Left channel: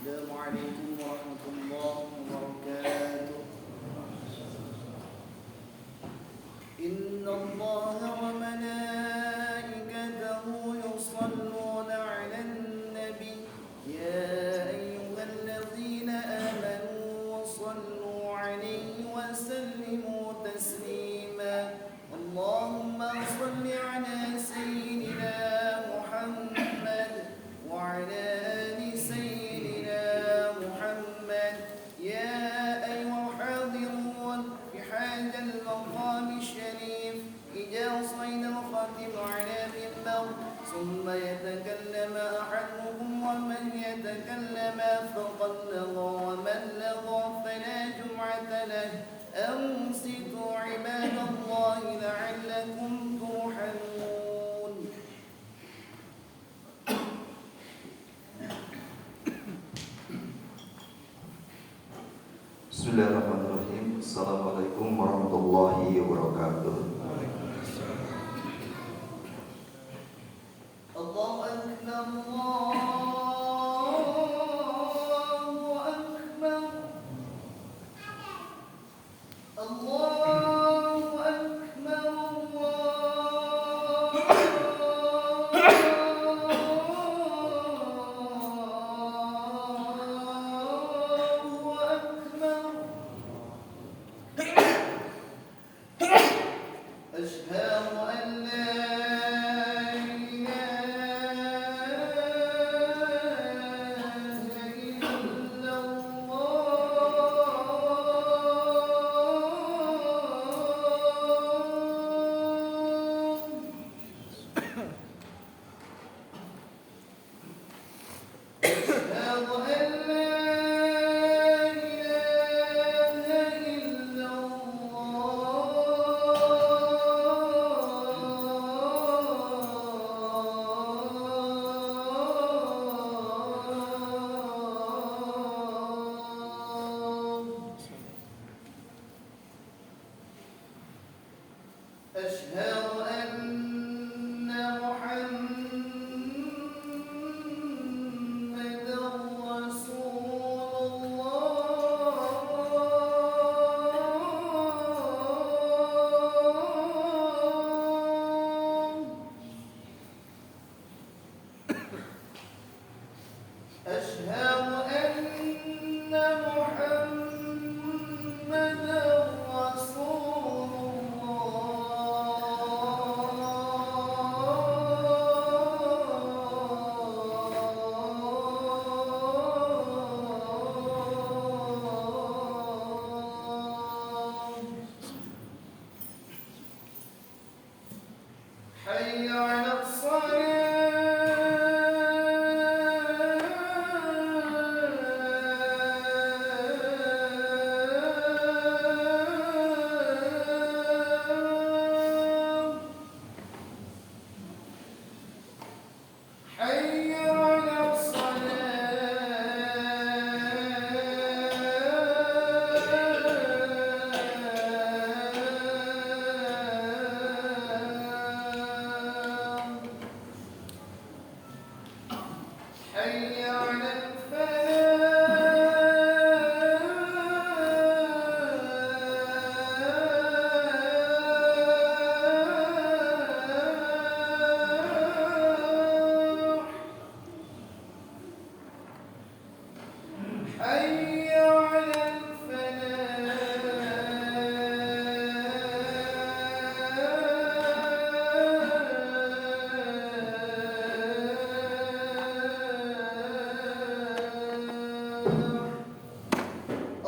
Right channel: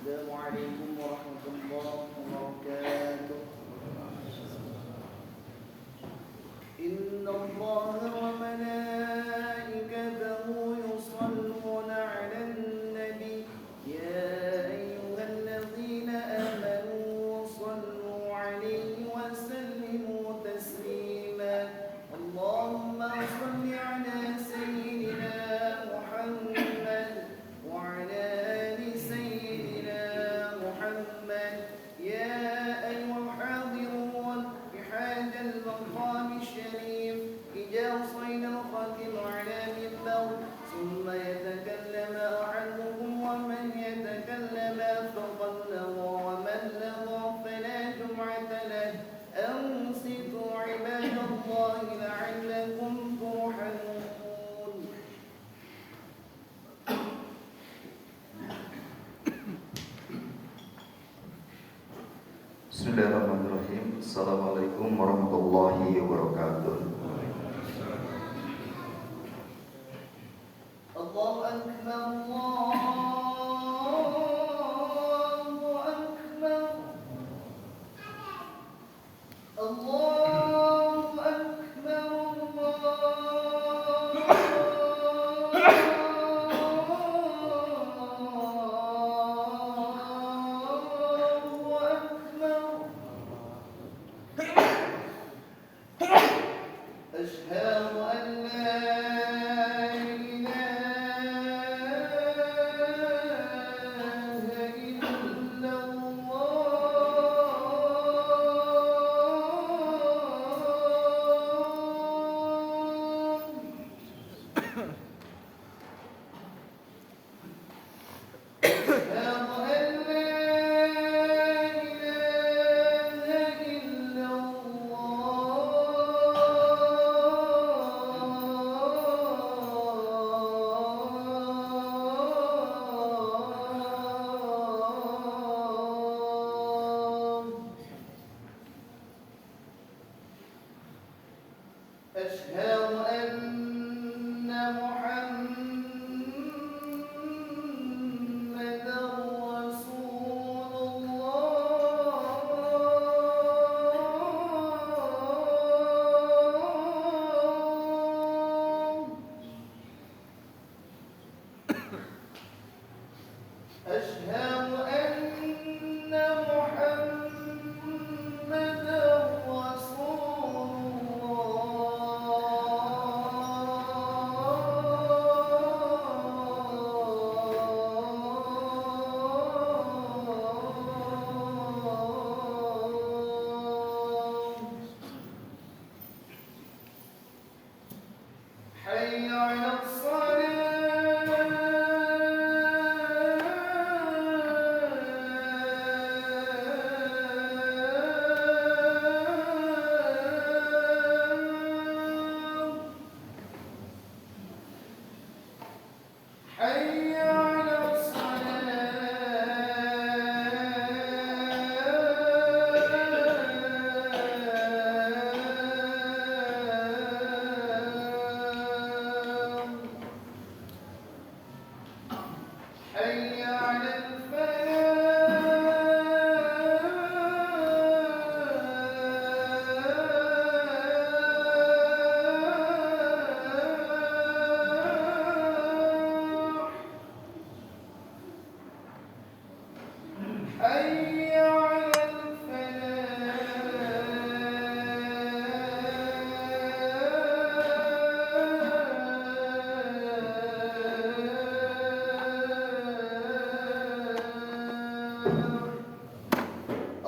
السلام عليكم ورحمة الله وبركاته. إن الله وملائكته يصلون على النبي يا أيها الذين آمنوا صلوا عليه وسلموا تسليما. اللهم صل على سيدنا محمد وعلى آل سيدنا محمد. يا أيها الحاضرون بحاجة المقام الشريف إذا صعد الخاتم على منبر ثم يتكلم أحدكم ومن يتكلم فقد لغى ومن لغى فلا جمعة له. أنصتوا عباد الله لعلكم ترحمون. Bismillahirrahmanirrahim. Assalamualaikum warahmatullahi wabarakatuh. الله أكبر الله أكبر الله أكبر أشهد أن لا إله إلا الله. أشهد أن لا إله إلا الله. أشهد أن محمدًا رسول الله. أشهد أن محمدًا رسول الله. حي على الصلاة. حي على الصلاة. حي على الفلاح. حي على الفلاح.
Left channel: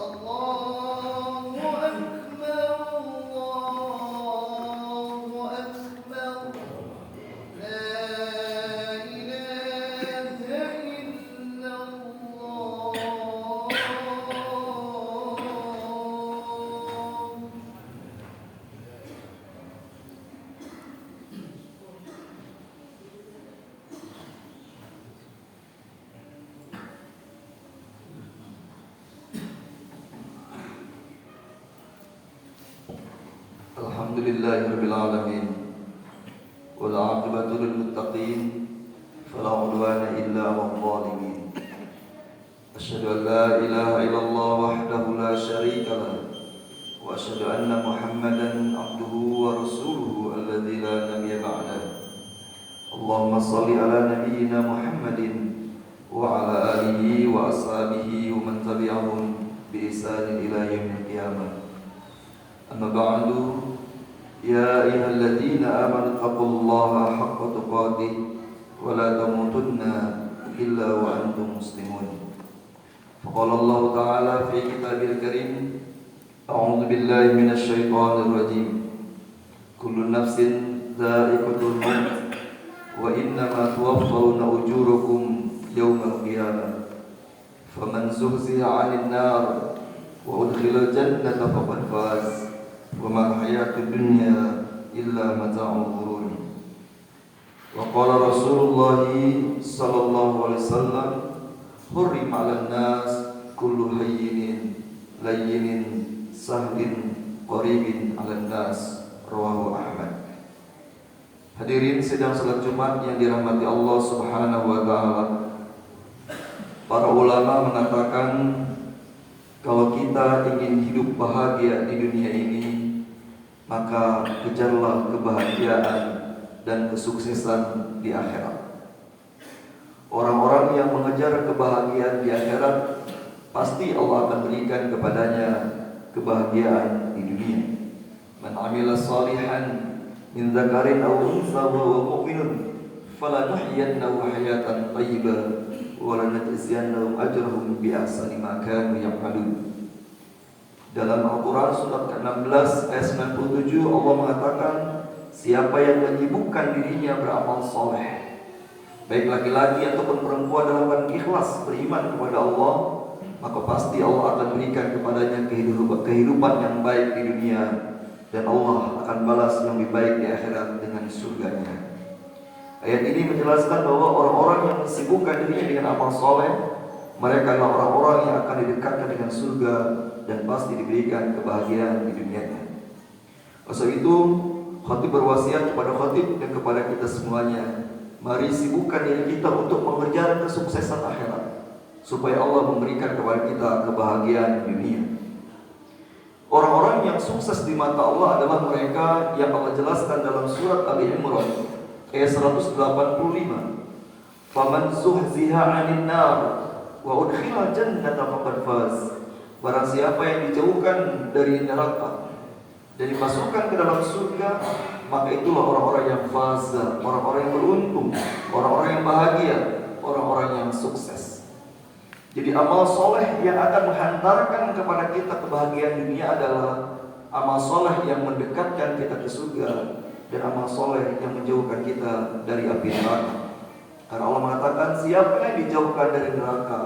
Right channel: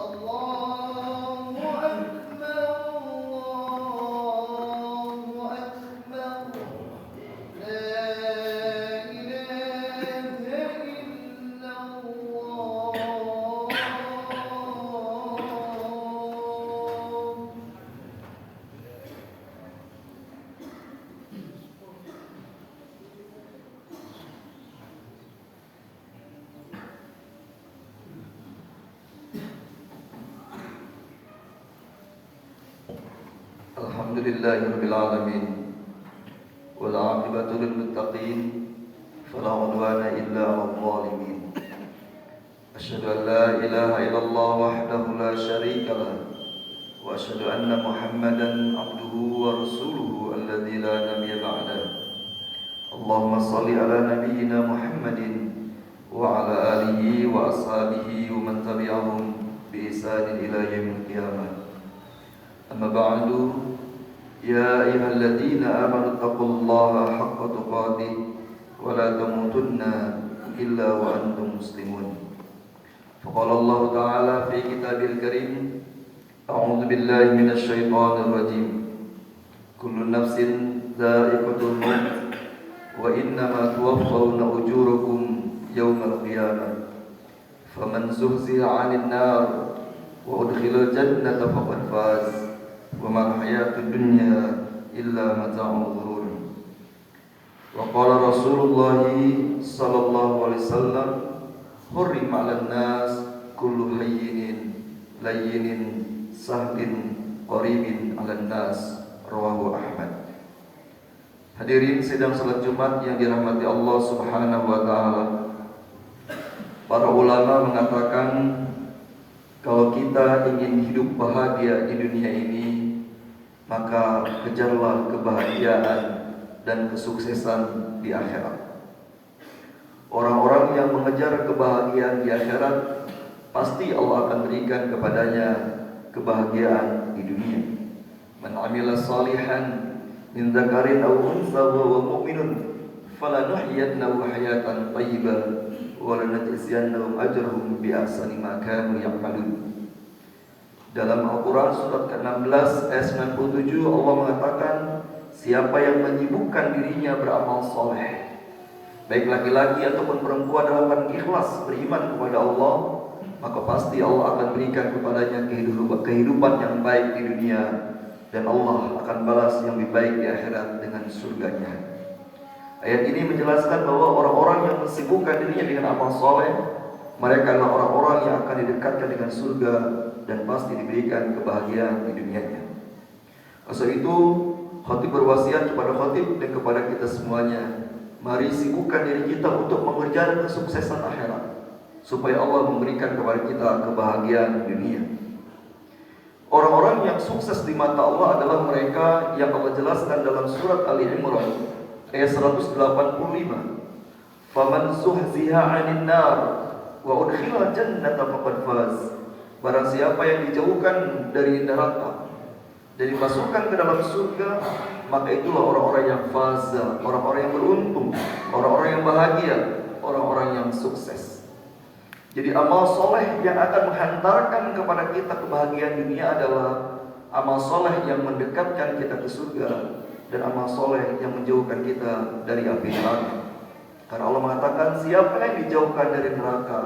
الله أكبر الله أكبر. لا إله إلا الله. Alhamdulillahirabbil alamin. Wal 'aqibatu lil muttaqin. Fala 'udwana illa 'alal zalimin. أشهد أن لا إله إلا الله وحده لا شريك له وأشهد أن محمدا عبده ورسوله الذي لا نبي بعده. اللهم صل على نبينا محمد وعلى آله وأصحابه ومن تبعهم بإحسان إلى يوم القيامة. أما بعد، يا أيها الذين آمنوا اتقوا الله حق تقاته ولا تموتن إلا وأنتم مسلمون. فقال الله تعالى في كتابه الكريم: أعوذ بالله من الشيطان الرجيم. كل نفس ذائقة الموت وإنما توفون أجوركم يوم القيامة فمن زحزح عن النار وأدخل الجنة فقد فاز وما الحياة الدنيا إلا متاع الغرور. وقال رسول الله صلى الله عليه وسلم: حرم على الناس كل هين لين سهل قريب على الناس. Rawahu Ahmad. Hadirin sidang salat Jumat yang dirahmati Allah Subhanahu wa taala. Para ulama mengatakan kalau kita ingin hidup bahagia di dunia ini, maka kejarlah kebahagiaan dan kesuksesan di akhirat. Orang-orang yang mengejar kebahagiaan di akhirat, pasti Allah akan berikan kepadanya kebahagiaan di dunia. Man amila salihan min dzakarin aw unsa wa huwa mu'minun falanuhyiyannahu hayatan thayyibah wa lanajziyannahum ajrahum bi ahsani ma kanu ya'malun. Dalam Al-Quran surat ke-16 ayat 97 Allah mengatakan, siapa yang menyibukkan dirinya beramal soleh, baik laki-laki ataupun perempuan dalam keadaan ikhlas beriman kepada Allah, maka pasti Allah akan berikan kepadanya kehidupan yang baik di dunia, dan Allah akan balas yang lebih baik di akhirat dengan surganya. Ayat ini menjelaskan bahwa orang-orang yang mensibukkan dirinya dengan amal soleh, mereka adalah orang-orang yang akan didekatkan dengan surga dan pasti diberikan kebahagiaan di dunianya. Oleh itu, khatib berwasiat kepada khatib dan kepada kita semuanya, mari sibukkan diri kita untuk mengejar kesuksesan akhirat, supaya Allah memberikan kepada kita kebahagiaan dunia. Orang-orang yang sukses di mata Allah adalah mereka yang Allah jelaskan dalam surat Ali Imran ayat 185. Faman zuhziha 'anil nar wa udkhila jannata faqad faz. Barang siapa yang dijauhkan dari neraka dan dimasukkan ke dalam surga, maka itulah orang-orang yang faz, orang-orang yang beruntung, orang-orang yang bahagia, orang-orang yang sukses. Jadi amal soleh yang akan menghantarkan kepada kita kebahagiaan dunia adalah amal soleh yang mendekatkan kita ke surga, dan amal soleh yang menjauhkan kita dari api neraka. Karena Allah mengatakan siapa yang dijauhkan dari neraka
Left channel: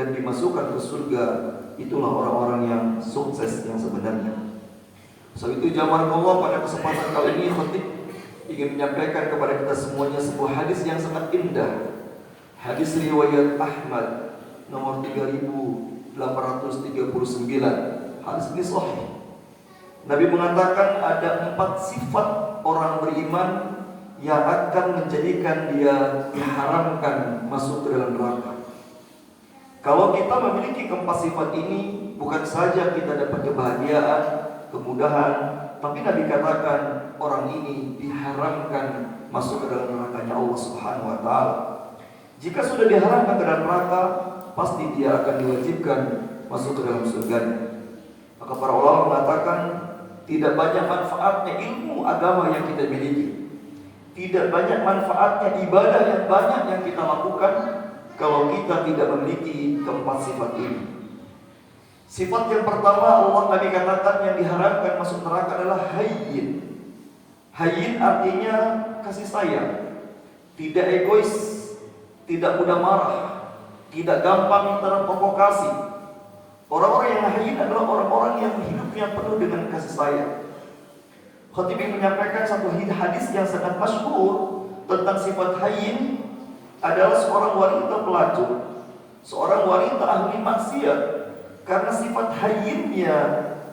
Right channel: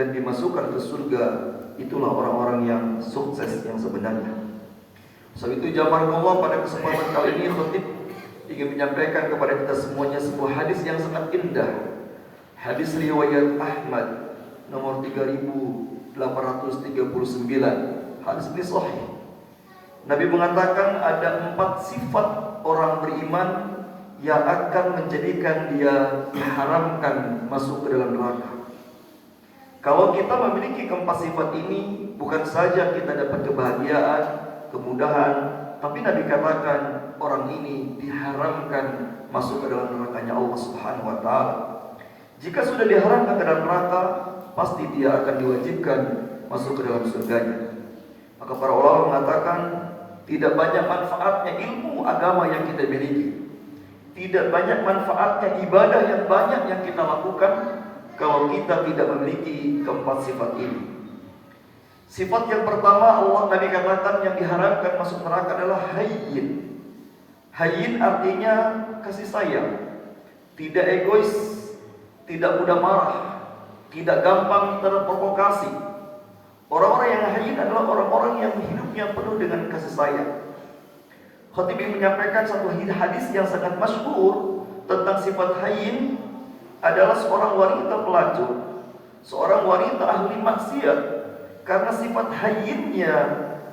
dan dimasukkan ke surga, itulah orang-orang yang sukses yang sebenarnya. Sebab itu jamaah pada kesempatan kali ini khatib ingin menyampaikan kepada kita semuanya sebuah hadis yang sangat indah. Hadis riwayat Ahmad nomor 3839. Hadis ini sahih. Nabi mengatakan ada 4 sifat orang beriman yang akan menjadikan dia diharamkan masuk ke dalam neraka. Kalau kita memiliki keempat sifat ini, bukan saja kita dapat kebahagiaan, kemudahan, tapi Nabi katakan orang ini diharamkan masuk ke dalam nerakanya Allah Subhanahu wa taala. Jika sudah diharamkan ke dalam neraka, pasti dia akan diwajibkan masuk ke dalam surganya. Maka para ulama mengatakan tidak banyak manfaatnya ilmu agama yang kita miliki, tidak banyak manfaatnya ibadah yang banyak yang kita lakukan kalau kita tidak memiliki keempat sifat ini. Sifat yang pertama Allah Nabi katakan yang diharapkan masuk neraka adalah hayyin. Hayyin artinya kasih sayang, tidak egois, tidak mudah marah, tidak gampang terprovokasi. Orang-orang yang hayyin adalah orang-orang yang hidupnya penuh dengan kasih sayang. Khatib menyampaikan satu hadis yang sangat masyhur tentang sifat hayyin adalah seorang wanita pelacur, seorang wanita ahli maksiat. Karena sifat hayyinnya,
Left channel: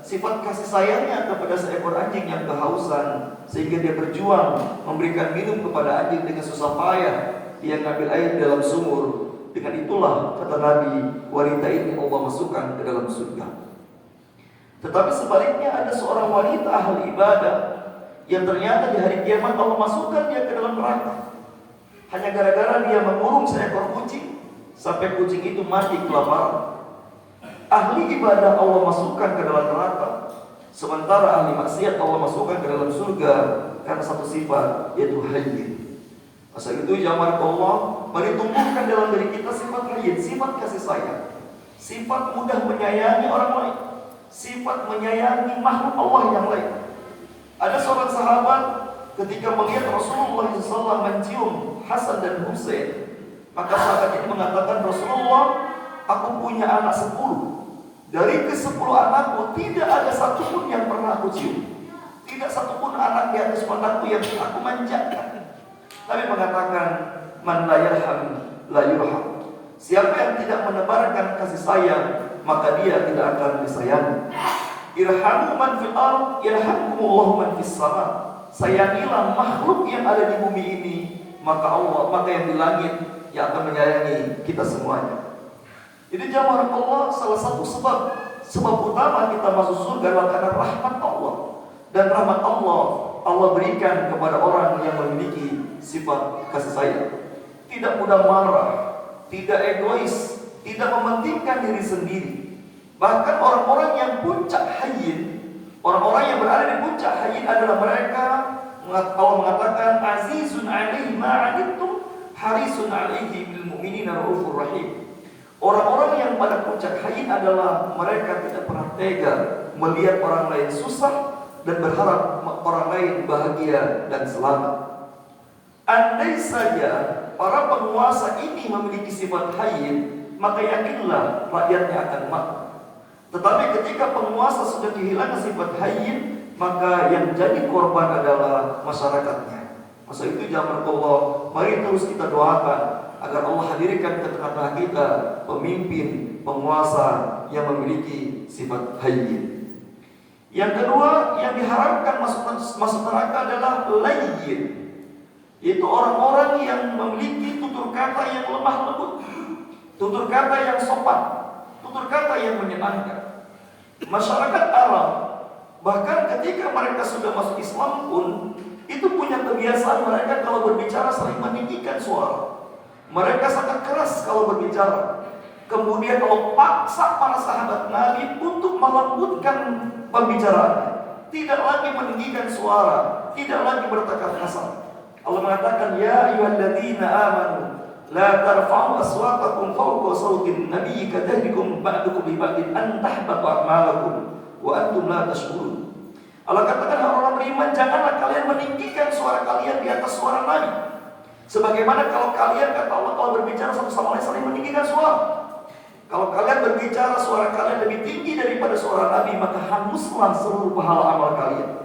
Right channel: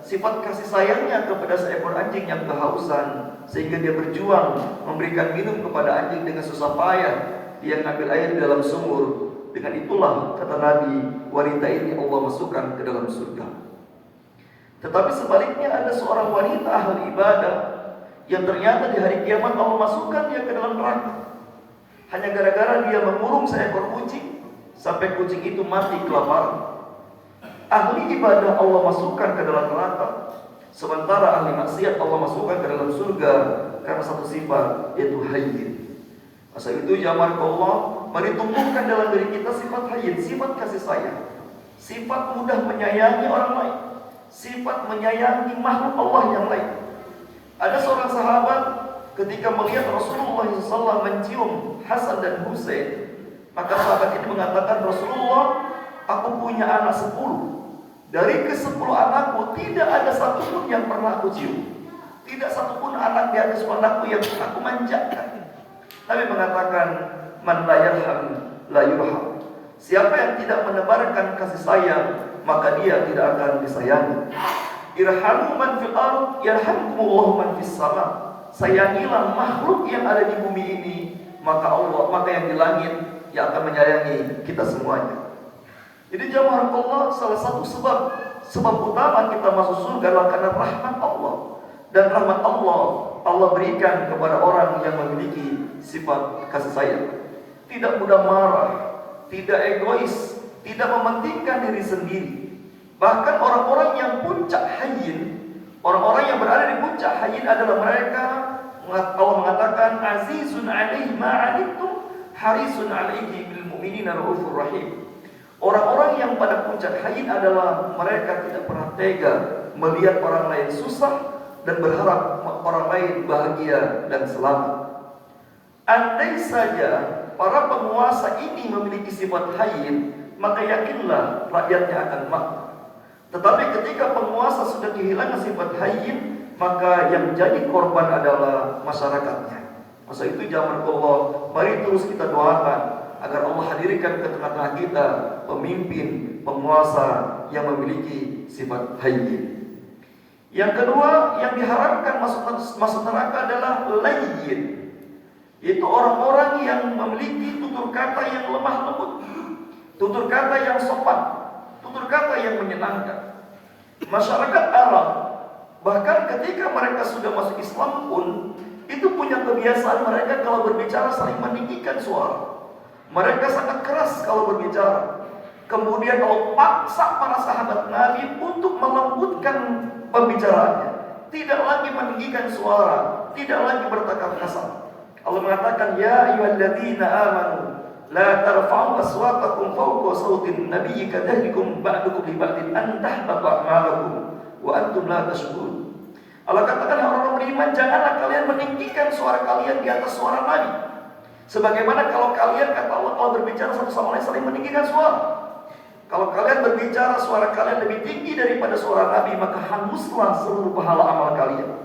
sifat kasih sayangnya kepada seekor anjing yang kehausan, sehingga dia berjuang memberikan minum kepada anjing dengan susah payah. Dia ngambil air di dalam sumur, Dengan itulah kata Nabi, wanita ini Allah masukkan ke dalam surga. Tetapi sebaliknya ada seorang wanita ahli ibadah yang ternyata di hari kiamat Allah masukkan dia ke dalam neraka. Hanya gara-gara dia mengurung seekor kucing sampai kucing itu mati kelaparan. Ahli ibadah Allah masukkan ke dalam neraka, sementara ahli maksiat Allah masukkan ke dalam surga karena satu sifat, yaitu hayyin. Masa itu jamaah Allah, mari tumbuhkan dalam diri kita sifat hayyin, sifat kasih sayang, sifat mudah menyayangi orang lain, sifat menyayangi makhluk Allah yang lain. Ada seorang sahabat ketika melihat Rasulullah SAW mencium Hasan dan Husain, maka sahabat ini mengatakan, Rasulullah, aku punya anak 10. Dari ke-10 anakku tidak ada satupun yang pernah aku cium. Tidak satupun anak di atas anakku yang aku manjakan. Nabi mengatakan, man la yarham la yurham. Siapa yang tidak menebarkan kasih sayang, maka dia tidak akan disayangi. Irhamu man fil ardh yarhamkumullahu man fis sama. Sayangilah makhluk yang ada di bumi ini, maka yang di langit yang akan menyayangi kita semuanya. Jadi jamaah Allah, salah satu sebab utama kita masuk surga adalah karena rahmat Allah. Dan rahmat Allah berikan kepada orang yang memiliki sifat kasih sayang. Tidak mudah marah, tidak egois, tidak mementingkan diri sendiri. Bahkan orang-orang yang puncak hayyin, orang-orang yang berada di puncak hayyin adalah mereka, Allah mengatakan, azizun alaihi ma'anittum harisun alaihi bil mu'minina raufur rahim. Orang-orang yang pada puncak hayyin adalah mereka tidak pernah tega melihat orang lain susah dan berharap orang lain bahagia dan selamat. Andai saja para penguasa ini memiliki sifat hayyin, maka yakinlah rakyatnya akan makmur. Tetapi ketika penguasa sudah kehilangan sifat hayyin, maka yang jadi korban adalah masyarakatnya. Masa itu jamaah Allah, mari terus kita doakan agar Allah hadirkan ke tengah-tengah kita pemimpin, penguasa yang memiliki sifat hayyin. Yang kedua yang diharapkan masuk neraka adalah layyin, yaitu orang-orang yang memiliki tutur kata yang lemah lembut, tutur kata yang sopan, tutur kata yang menyenangkan. Masyarakat Arab bahkan ketika mereka sudah masuk Islam pun itu punya kebiasaan mereka kalau berbicara saling meninggikan suara. Mereka sangat keras kalau berbicara. Kemudian Allah paksa para sahabat Nabi untuk melembutkan pembicaraannya. Tidak lagi meninggikan suara, tidak lagi bertekad kasar. Allah mengatakan, ya ayyuhalladzina amanu la tarfa'u aswatakum fawqa sautin nabiyyi kadahdikum ba'dukum li ba'din an tahbata a'malakum wa antum la tashkurun. Allah katakan, orang beriman, janganlah kalian meninggikan suara kalian di atas suara Nabi. Sebagaimana kalau kalian, kata Allah, kalau berbicara satu sama lain saling meninggikan suara. Kalau kalian berbicara suara kalian lebih tinggi daripada suara Nabi, maka hanguslah seluruh pahala amal kalian.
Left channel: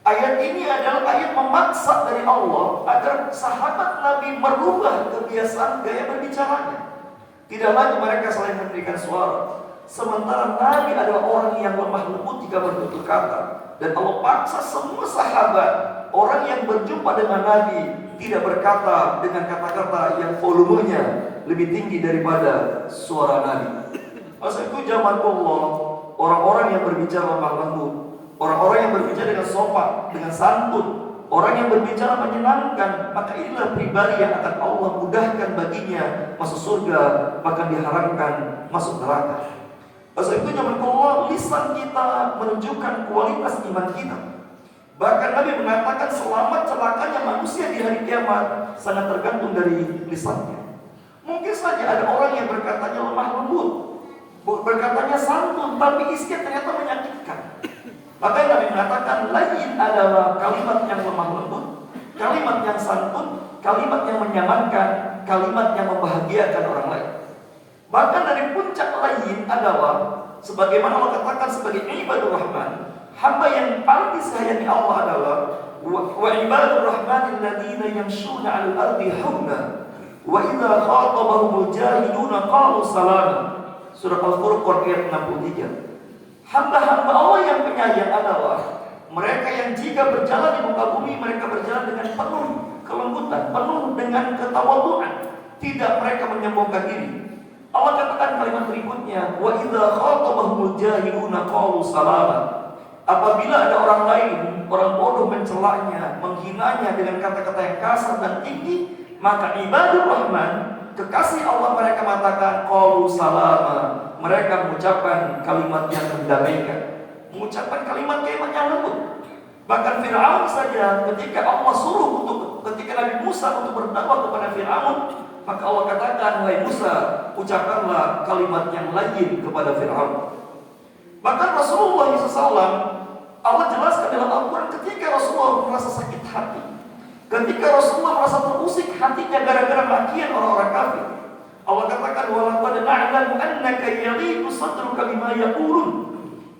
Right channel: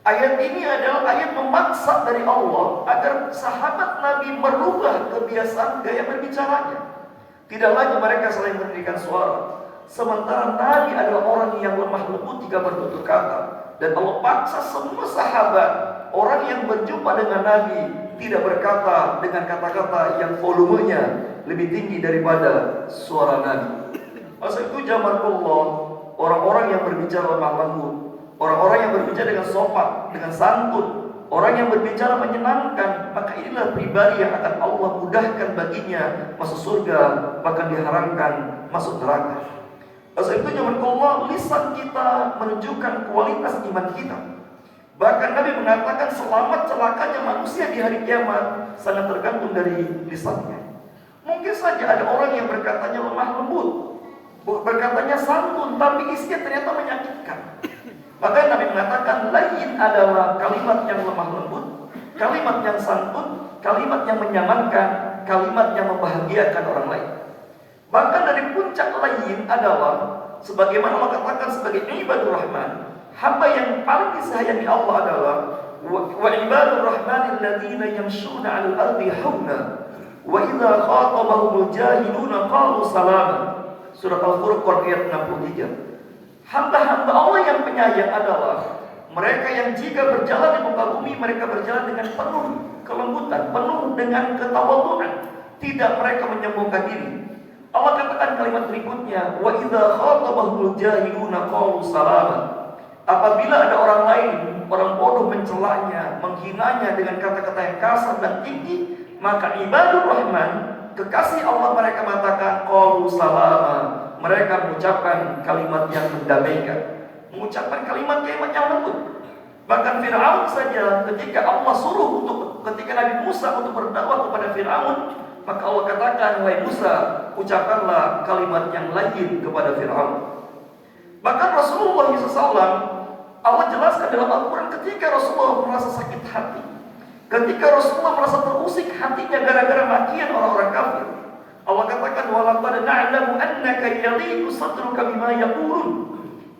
Ayat ini adalah ayat memaksa dari Allah agar sahabat Nabi merubah kebiasaan gaya berbicaranya. Tidak lagi mereka saling meninggikan suara. Sementara Nabi adalah orang yang lemah lembut jika bertutur kata. Dan Allah paksa semua sahabat, orang yang berjumpa dengan Nabi, tidak berkata dengan kata-kata yang volumenya lebih tinggi daripada suara Nabi. Masa itu jamaah Allah, orang-orang yang berbicara lemah lembut, orang-orang yang berbicara dengan sopan, dengan santun, orang yang berbicara menyenangkan, maka inilah pribadi yang akan Allah mudahkan baginya masuk surga, bahkan diharamkan masuk neraka. Masa itu jamaah Allah, lisan kita menunjukkan kualitas iman kita. Bahkan Nabi mengatakan selamat celakanya manusia di hari kiamat sangat tergantung dari lisannya. Mungkin saja ada orang yang berkatanya lemah lembut, berkatanya santun, tapi isinya ternyata menyakitkan. Maka Nabi mengatakan layyin adalah kalimat yang lemah lembut, kalimat yang santun, kalimat yang menyenangkan, kalimat yang membahagiakan orang lain. Bahkan dari puncak layyin adalah sebagaimana Allah katakan sebagai ibadur rahman, hamba yang paling disayangi Allah adalah wa ibadur rahmanil ladzina yamshuna 'alal ardi hauna wa idza khatabahum jahiluna qalu salama. Surah Al-Furqan ayat 63. Hamba-hamba Allah yang penyayang adalah mereka yang jika berjalan di muka bumi, mereka berjalan dengan penuh kelembutan, penuh dengan ketawaduan, tidak mereka menyombongkan diri. Allah katakan kalimat berikutnya, wa idza khatabahumul jahiluna qalu salama. Apabila ada orang lain, orang bodoh mencelanya, menghinanya dengan kata-kata yang kasar dan tinggi, maka ibadur rahman, kekasih Allah, mereka mengatakan qalu salama. Mereka mengucapkan kalimat yang mendamaikan, mengucapkan kalimat-kalimat yang lembut. Bahkan Fir'aun saja ketika Allah suruh ketika Nabi Musa untuk berdakwah kepada Fir'aun, maka Allah katakan, wahai Musa, ucapkanlah kalimat yang lain kepada Fir'aun. Bahkan Rasulullah SAW, Allah jelaskan dalam Al-Quran, ketika Rasulullah merasa sakit hati, ketika Rasulullah merasa terusik hatinya gara-gara makian orang-orang kafir, Allah katakan, walaqad na'lamu annaka yadhiqu sadruka bima yaqulun.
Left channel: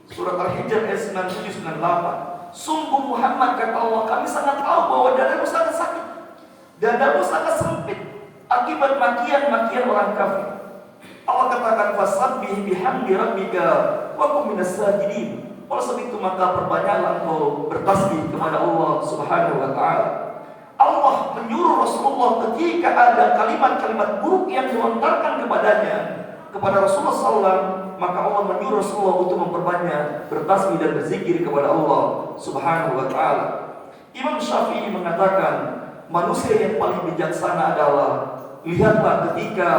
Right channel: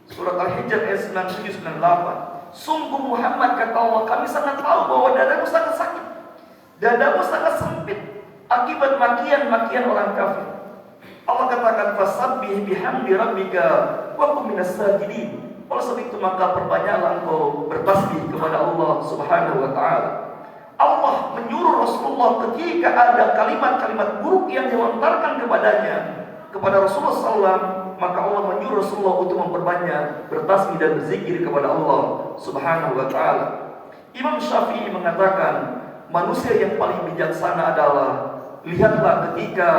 Surat Al-Hijr ayat 97-98. Sungguh Muhammad, kata Allah, kami sangat tahu bahwa dadamu sangat sakit, dadamu sangat sempit akibat makian-makian orang kafir. Allah katakan, fasabbih bihamdi rabbika wa kum minas sajidin. Oleh sebab itu maka perbanyaklah engkau bertasbih kepada Allah Subhanahu wa taala. Allah menyuruh Rasulullah ketika ada kalimat-kalimat buruk yang dilontarkan kepadanya, kepada Rasulullah SAW, maka Allah menyuruh Rasulullah untuk memperbanyak bertasbih dan berzikir kepada Allah Subhanahu wa taala. Imam Syafi'i mengatakan, manusia yang paling bijaksana adalah, lihatlah ketika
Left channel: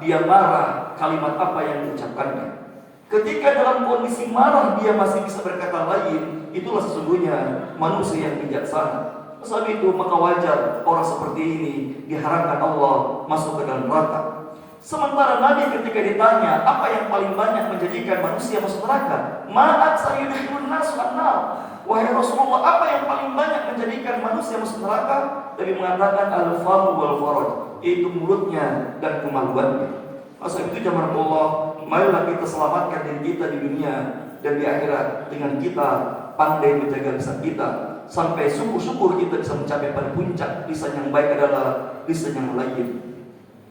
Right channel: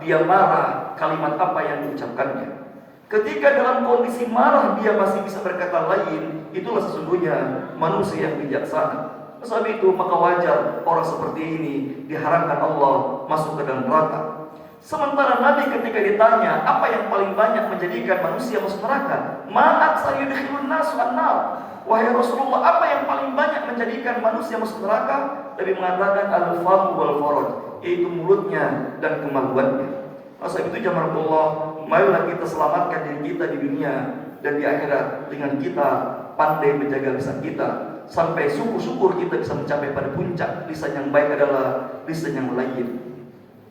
dia marah, kalimat apa yang diucapkannya. Ketika dalam kondisi marah dia masih bisa berkata lain, itulah sesungguhnya manusia yang bijaksana. Sebab itu maka wajar orang seperti ini diharamkan Allah masuk ke dalam neraka. Sementara Nabi ketika ditanya apa yang paling banyak menjadikan manusia masuk neraka, ma'at sayudkhilun nas an-nar. Wahai Rasulullah, apa yang paling banyak menjadikan manusia masuk neraka? Nabi mengatakan al-famu wal faraj, yaitu mulutnya dan kemaluannya. Masa itu jamaah Allah, marilah kita selamatkan diri kita di dunia dan di akhirat dengan kita pandai menjaga lisan kita, sampai syukur-syukur kita bisa mencapai pada puncak. Lisan yang baik adalah lisan yang lain,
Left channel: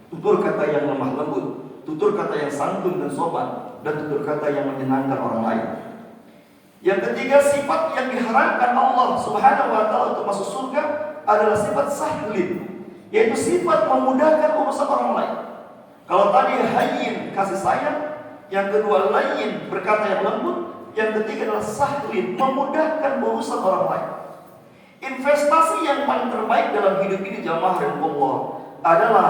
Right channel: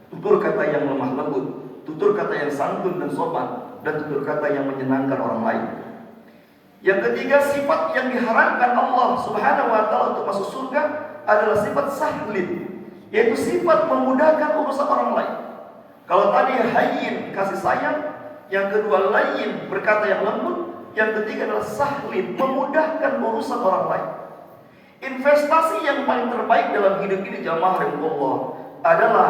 tutur kata yang lemah lembut, tutur kata yang santun dan sopan, dan tutur kata yang menyenangkan orang lain. Yang ketiga, sifat yang diharamkan Allah Subhanahu wa taala untuk masuk surga adalah sifat sahlin, yaitu sifat memudahkan urusan orang lain. Kalau tadi hayyin, kasih sayang, yang kedua lain, berkata yang lembut, yang ketiga adalah sahlin, memudahkan urusan orang lain. Investasi yang paling terbaik dalam hidup ini jamaah Allah adalah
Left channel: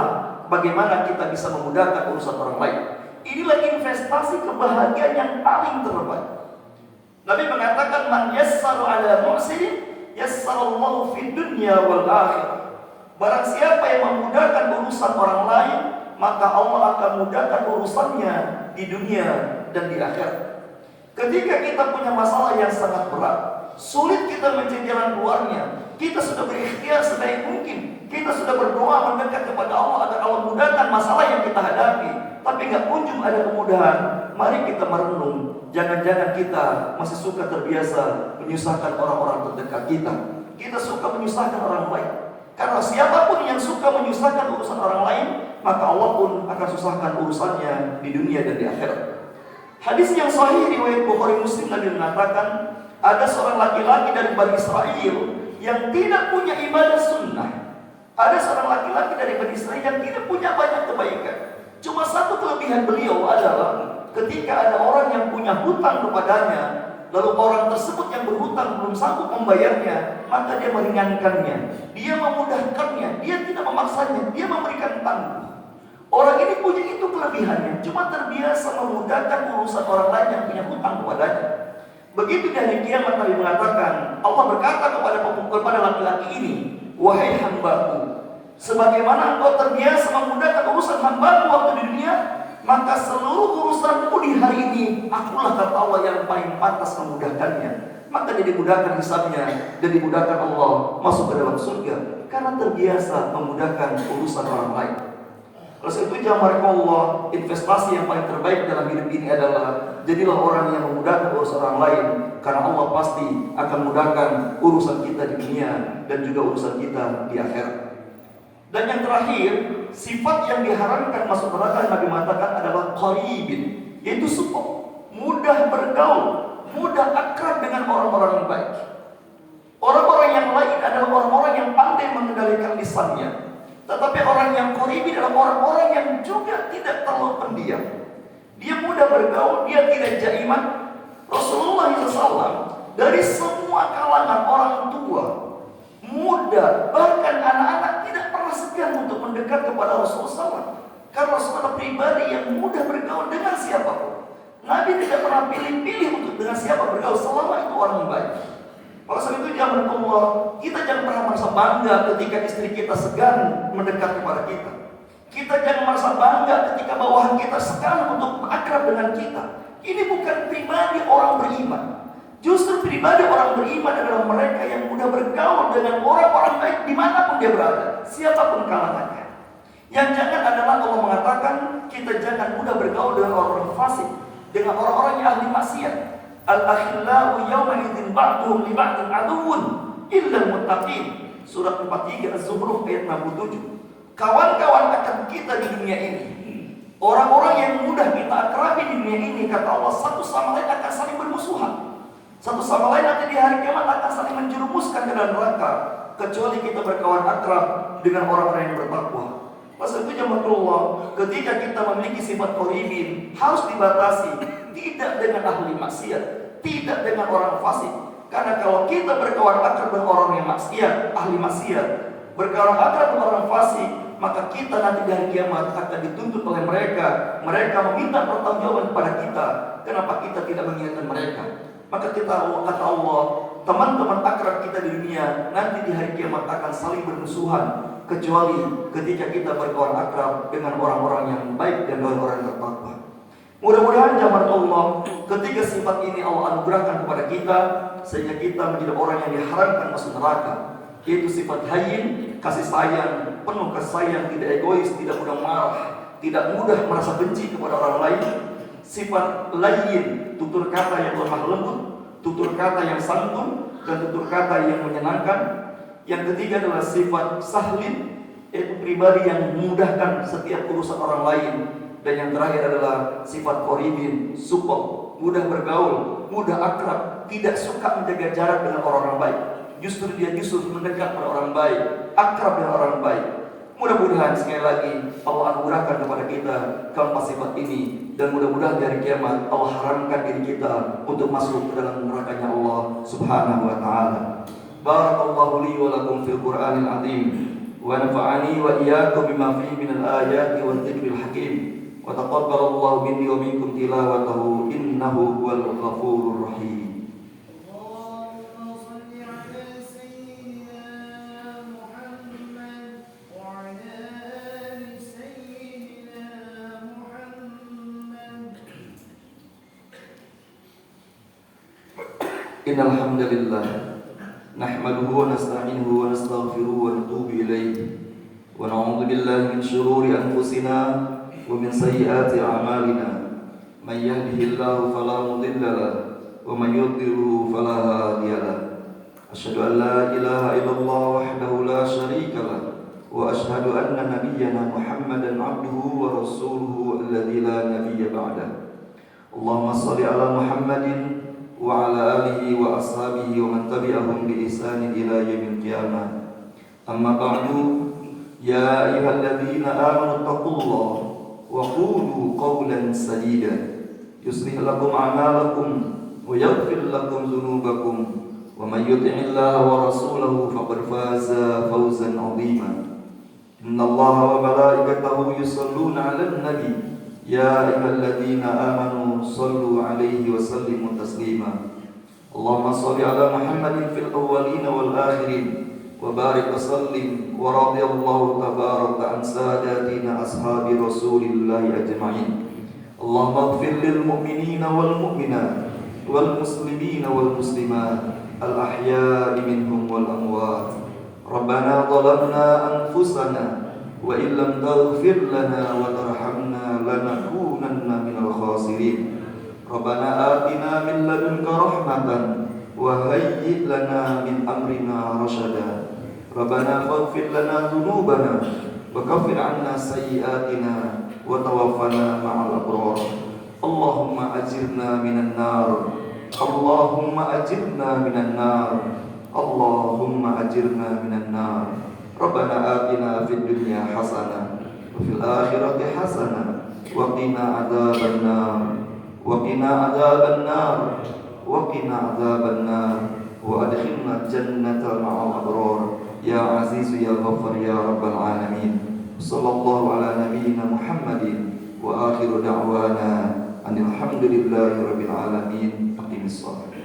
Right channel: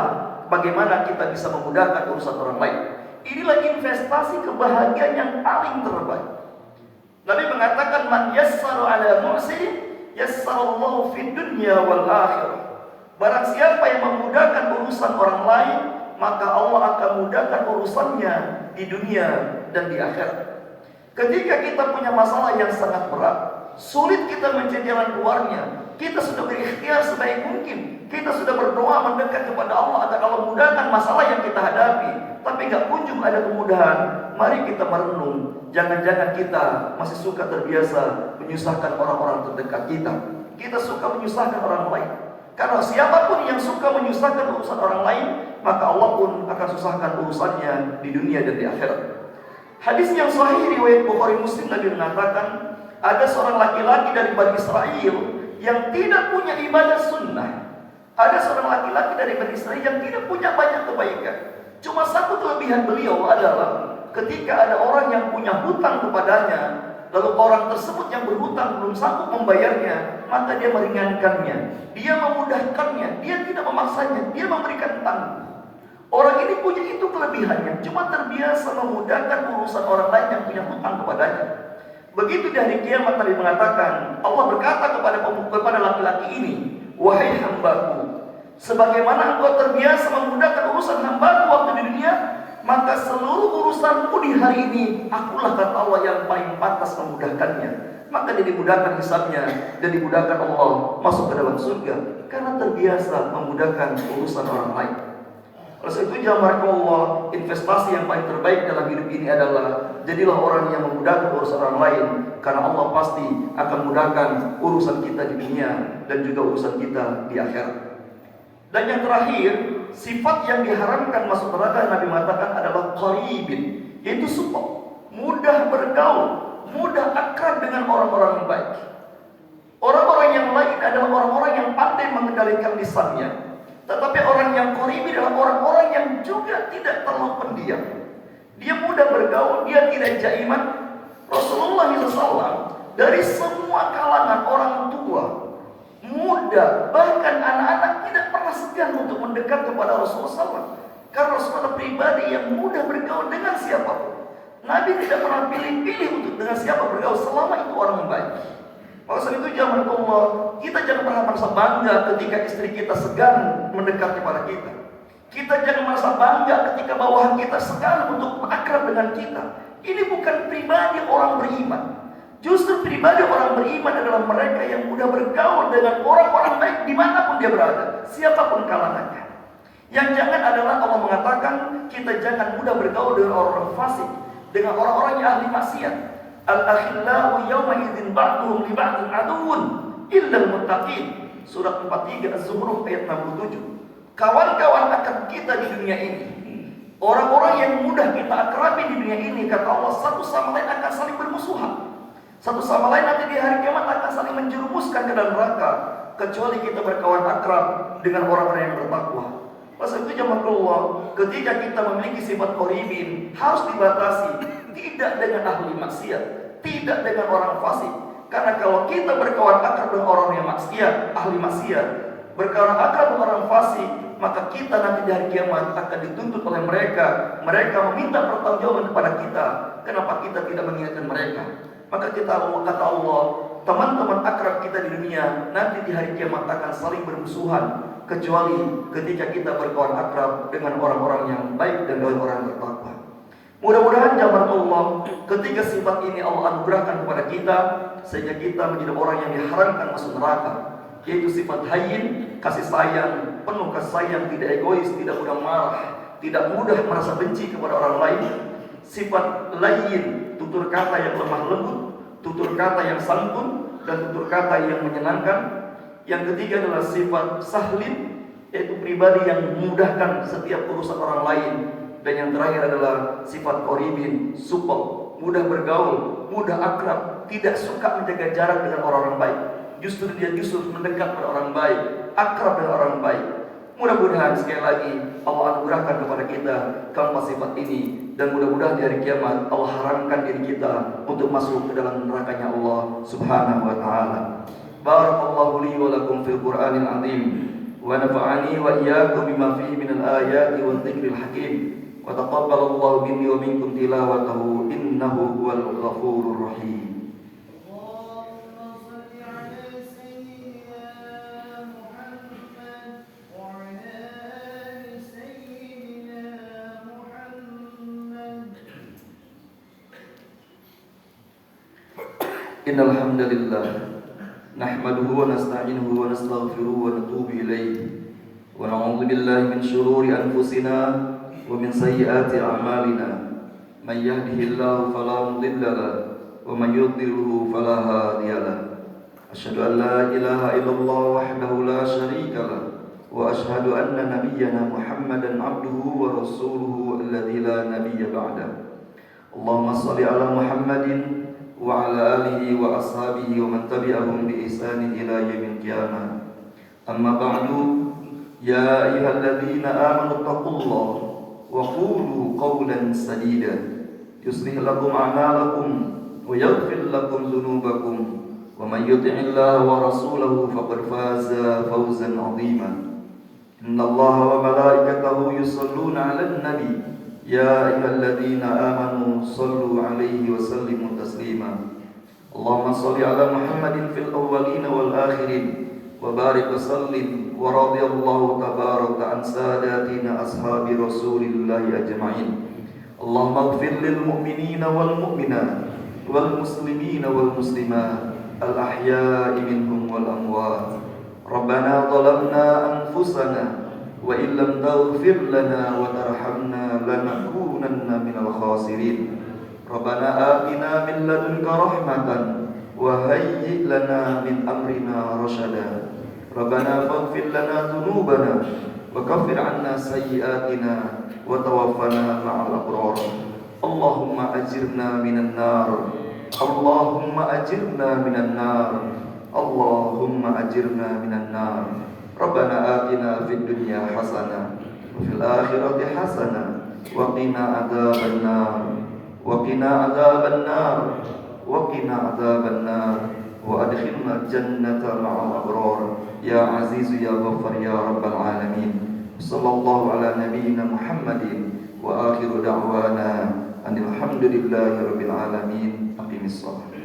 bagaimana kita bisa memudahkan urusan orang lain. Inilah investasi kebahagiaan yang paling terbaik. Nabi mengatakan, man yassara ala mu'sirin yassarallahu fid dunya wal akhirah. Barang siapa yang memudahkan urusan orang lain, maka Allah akan mudahkan urusannya di dunia dan di akhirat. Ketika kita punya masalah yang sangat berat, sulit kita mencari jalan keluarnya, kita sudah berikhtiar sebaik mungkin, kita sudah berdoa mendekat kepada Allah agar Allah mudahkan masalah yang kita hadapi, tapi gak kunjung ada kemudahan. Mari kita merenung, jangan-jangan kita masih suka terbiasa menyusahkan orang-orang terdekat kita. Kita suka menyusahkan orang lain. Karena siapapun yang suka menyusahkan urusan orang lain, maka Allah pun akan susahkan urusannya di dunia dan di akhirat. Hadis yang sahih riwayat Bukhari Muslim, Nabi mengatakan, ada seorang laki-laki dari Bani Israel yang tidak punya ibadah sunnah. Ada seorang laki-laki dari Bani Israel yang tidak punya banyak kebaikan. Cuma satu kelebihan beliau adalah ketika ada orang yang punya hutang kepadanya, lalu orang tersebut yang berhutang belum sanggup membayarnya, maka dia meringankannya, dia memudahkannya, dia tidak memaksanya, dia memberikan tanggung. Orang ini punya itu kelebihannya, cuma terbiasa memudahkan urusan orang lain yang punya hutang kepadanya. Begitu dari kiamat Nabi mengatakan, Allah berkata kepada laki-laki ini, wahai hambaku, sebagaimana engkau terbiasa memudahkan urusan hambaku waktu di dunia, maka seluruh urusanku di hari ini, akulah kata Allah yang paling pantas memudahkannya. Maka dia dimudahkan hisabnya dan dimudahkan Allah masuk ke dalam surga karena terbiasa memudahkan urusan orang lain. Oleh itu jamaah Allah, investasi yang paling terbaik dalam hidup ini adalah jadilah orang yang memudahkan urusan orang lain, karena Allah pasti akan mudahkan urusan kita di dunia dan juga urusan kita di akhirat. Dan yang terakhir, sifat yang diharamkan masuk neraka Nabi mengatakan adalah qaribin, yaitu suka, mudah bergaul, mudah akrab dengan orang-orang yang baik. Orang-orang yang lain adalah orang-orang yang pandai mengendalikan lisannya. Tetapi orang yang qoribi adalah orang-orang yang juga tidak terlalu pendiam. Dia mudah bergaul, dia tidak jaiman. Rasulullah SAW dari semua kalangan orang tua, muda, bahkan anak-anak tidak pernah segan untuk mendekat kepada Rasulullah SAW. Karena Rasulullah pribadi yang mudah bergaul dengan siapapun. Nabi tidak pernah pilih-pilih untuk dengan siapa bergaul selama itu orang yang baik. Maka sebab itu jangan Allah, kita jangan pernah merasa bangga ketika istri kita segan mendekat kepada kita. Kita jangan merasa bangga ketika bawahan kita segan untuk akrab dengan kita. Ini bukan pribadi orang beriman. Justru pribadi orang beriman adalah mereka yang mudah bergaul dengan orang-orang baik dimanapun dia berada, siapapun kalangannya. Yang jangan adalah Allah mengatakan kita jangan mudah bergaul dengan orang-orang fasik, dengan orang-orang yang ahli maksiat. Al-akhillau yawma idzin ba'duhum li ba'din aduwwun illa al-muttaqin. Surah 43 Az-Zukhruf ayat 67. Kawan-kawan akan kita di dunia ini, orang-orang yang mudah kita akrabi di dunia ini, kata Allah, satu sama lain akan saling bermusuhan. Satu sama lain nanti di hari kiamat akan saling menjerumuskan ke dalam neraka, kecuali kita berkawan akrab dengan orang-orang yang bertakwa. Pasal itu jemaah Allah, ketika kita memiliki sifat qoribin, harus dibatasi, tidak dengan ahli maksiat, tidak dengan orang fasik. Karena kalau kita berkawan akrab dengan orang yang maksiat, ahli maksiat, berkawan akrab dengan orang fasik, maka kita nanti di hari kiamat akan dituntut oleh mereka. Mereka meminta pertanggungjawaban kepada kita. Kenapa kita tidak mengingatkan mereka? Maka kita kata Allah, teman-teman akrab kita di dunia nanti di hari kiamat akan saling bermusuhan, kecuali ketika kita berkawan akrab dengan orang-orang yang baik dan orang-orang yang bertakwa. Mudah-mudahan jamaah Allah, ketiga sifat ini Allah anugerahkan kepada kita, sehingga kita menjadi orang yang diharamkan masuk neraka. Yaitu sifat hayyin, kasih sayang, penuh kasih sayang, tidak egois, tidak mudah marah, tidak mudah merasa benci kepada orang lain. Sifat layyin, tutur kata yang lemah lembut, tutur kata yang santun, dan tutur kata yang menyenangkan. Yang ketiga adalah sifat sahlin, yaitu pribadi yang memudahkan setiap urusan orang lain. Dan yang terakhir adalah sifat qoribin, supel, mudah bergaul, mudah akrab, tidak suka menjaga jarak dengan orang-orang baik. Justru dia mendekat pada orang baik, akrab dengan orang baik. Mudah-mudahan sekali lagi Allah anugerahkan kepada kita keempat sifat ini, dan mudah-mudahan di hari kiamat Allah haramkan diri kita untuk masuk ke dalam nerakanya Allah Subhanahu wa taala. Barakallahu li wa lakum fil Qur'anil azim wa nafa'ani wa iyyakum bima fihi minal ayati wadh dhikril hakim wa taqabbalallahu minni wa minkum tilawatahu innahu huwal ghafurur rahim. Innal hamdalillah nahmaduhu wa nasta'inuhu wa nastaghfiruhu wa natubu ilayhi wa na'udzu billahi min shururi anfusina wa min sayyiati a'malina. Man yahdihillahu fala mudilla lahu wa man yudlilhu fala hadiya lahu. Asyhadu an la ilaha illallah wahdahu la syarika lahu wa asyhadu anna nabiyyana Muhammadan 'abduhu wa rasuluhu alladzi la nabiyya ba'dahu. Allahumma shalli ala Muhammadin wa ala alihi wa ashabihi wa man tabi'ahum bi ihsanin ila yaumil qiyamah. Amma ba'du, ya ayyuhalladzina amanu taqullaha wa qulu qawlan sadida yuslih lakum a'malakum wa yaghfir lakum dhunubakum wa man yuti'illaha wa rasulahu faqad faza fawzan 'azima. Innallaha wa malaikatahu yusholluna 'alan nabi ya ayyuhalladzina amanu shallu 'alaihi wa sallimu taslima. Allahumma shalli 'ala Muhammadin fil awwalin wal akhirin wa barik wa sallim wa radiyallahu tabaraka an sadatina ashabi Rasulillah ajma'in. Allahumma ighfir lil mu'minina wal mu'minat wal muslimina wal muslimat al ahya'i minhum wal amwat. Rabbana zalamna anfusana wa illam taghfir lana wa tarhamna lanakunanna minal khasirin. Rabbana atina min ladunka rahmatan wa hayyi' lana min amrina rasyada. Rabbana faghfir lana dhunubana wa kaffir 'anna sayyi'atina wa tawaffana ma'al abrar. Allahumma ajirna minan nar. Allahumma ajirna minan nar. Allahumma ajirna minan nar. Rabbana atina fid dunya hasanah wa fil akhirati hasanah wa qina adzabannar wa qina adzabannar wa qina adzabannar wa adkhilna jannata ma'al abrar ya aziz ya ghaffar ya rabbal alamin. Sallallahu ala nabiyyina Muhammadin wa akhiru da'wana alhamdulillahi rabbil alamin. Aqimis shalah.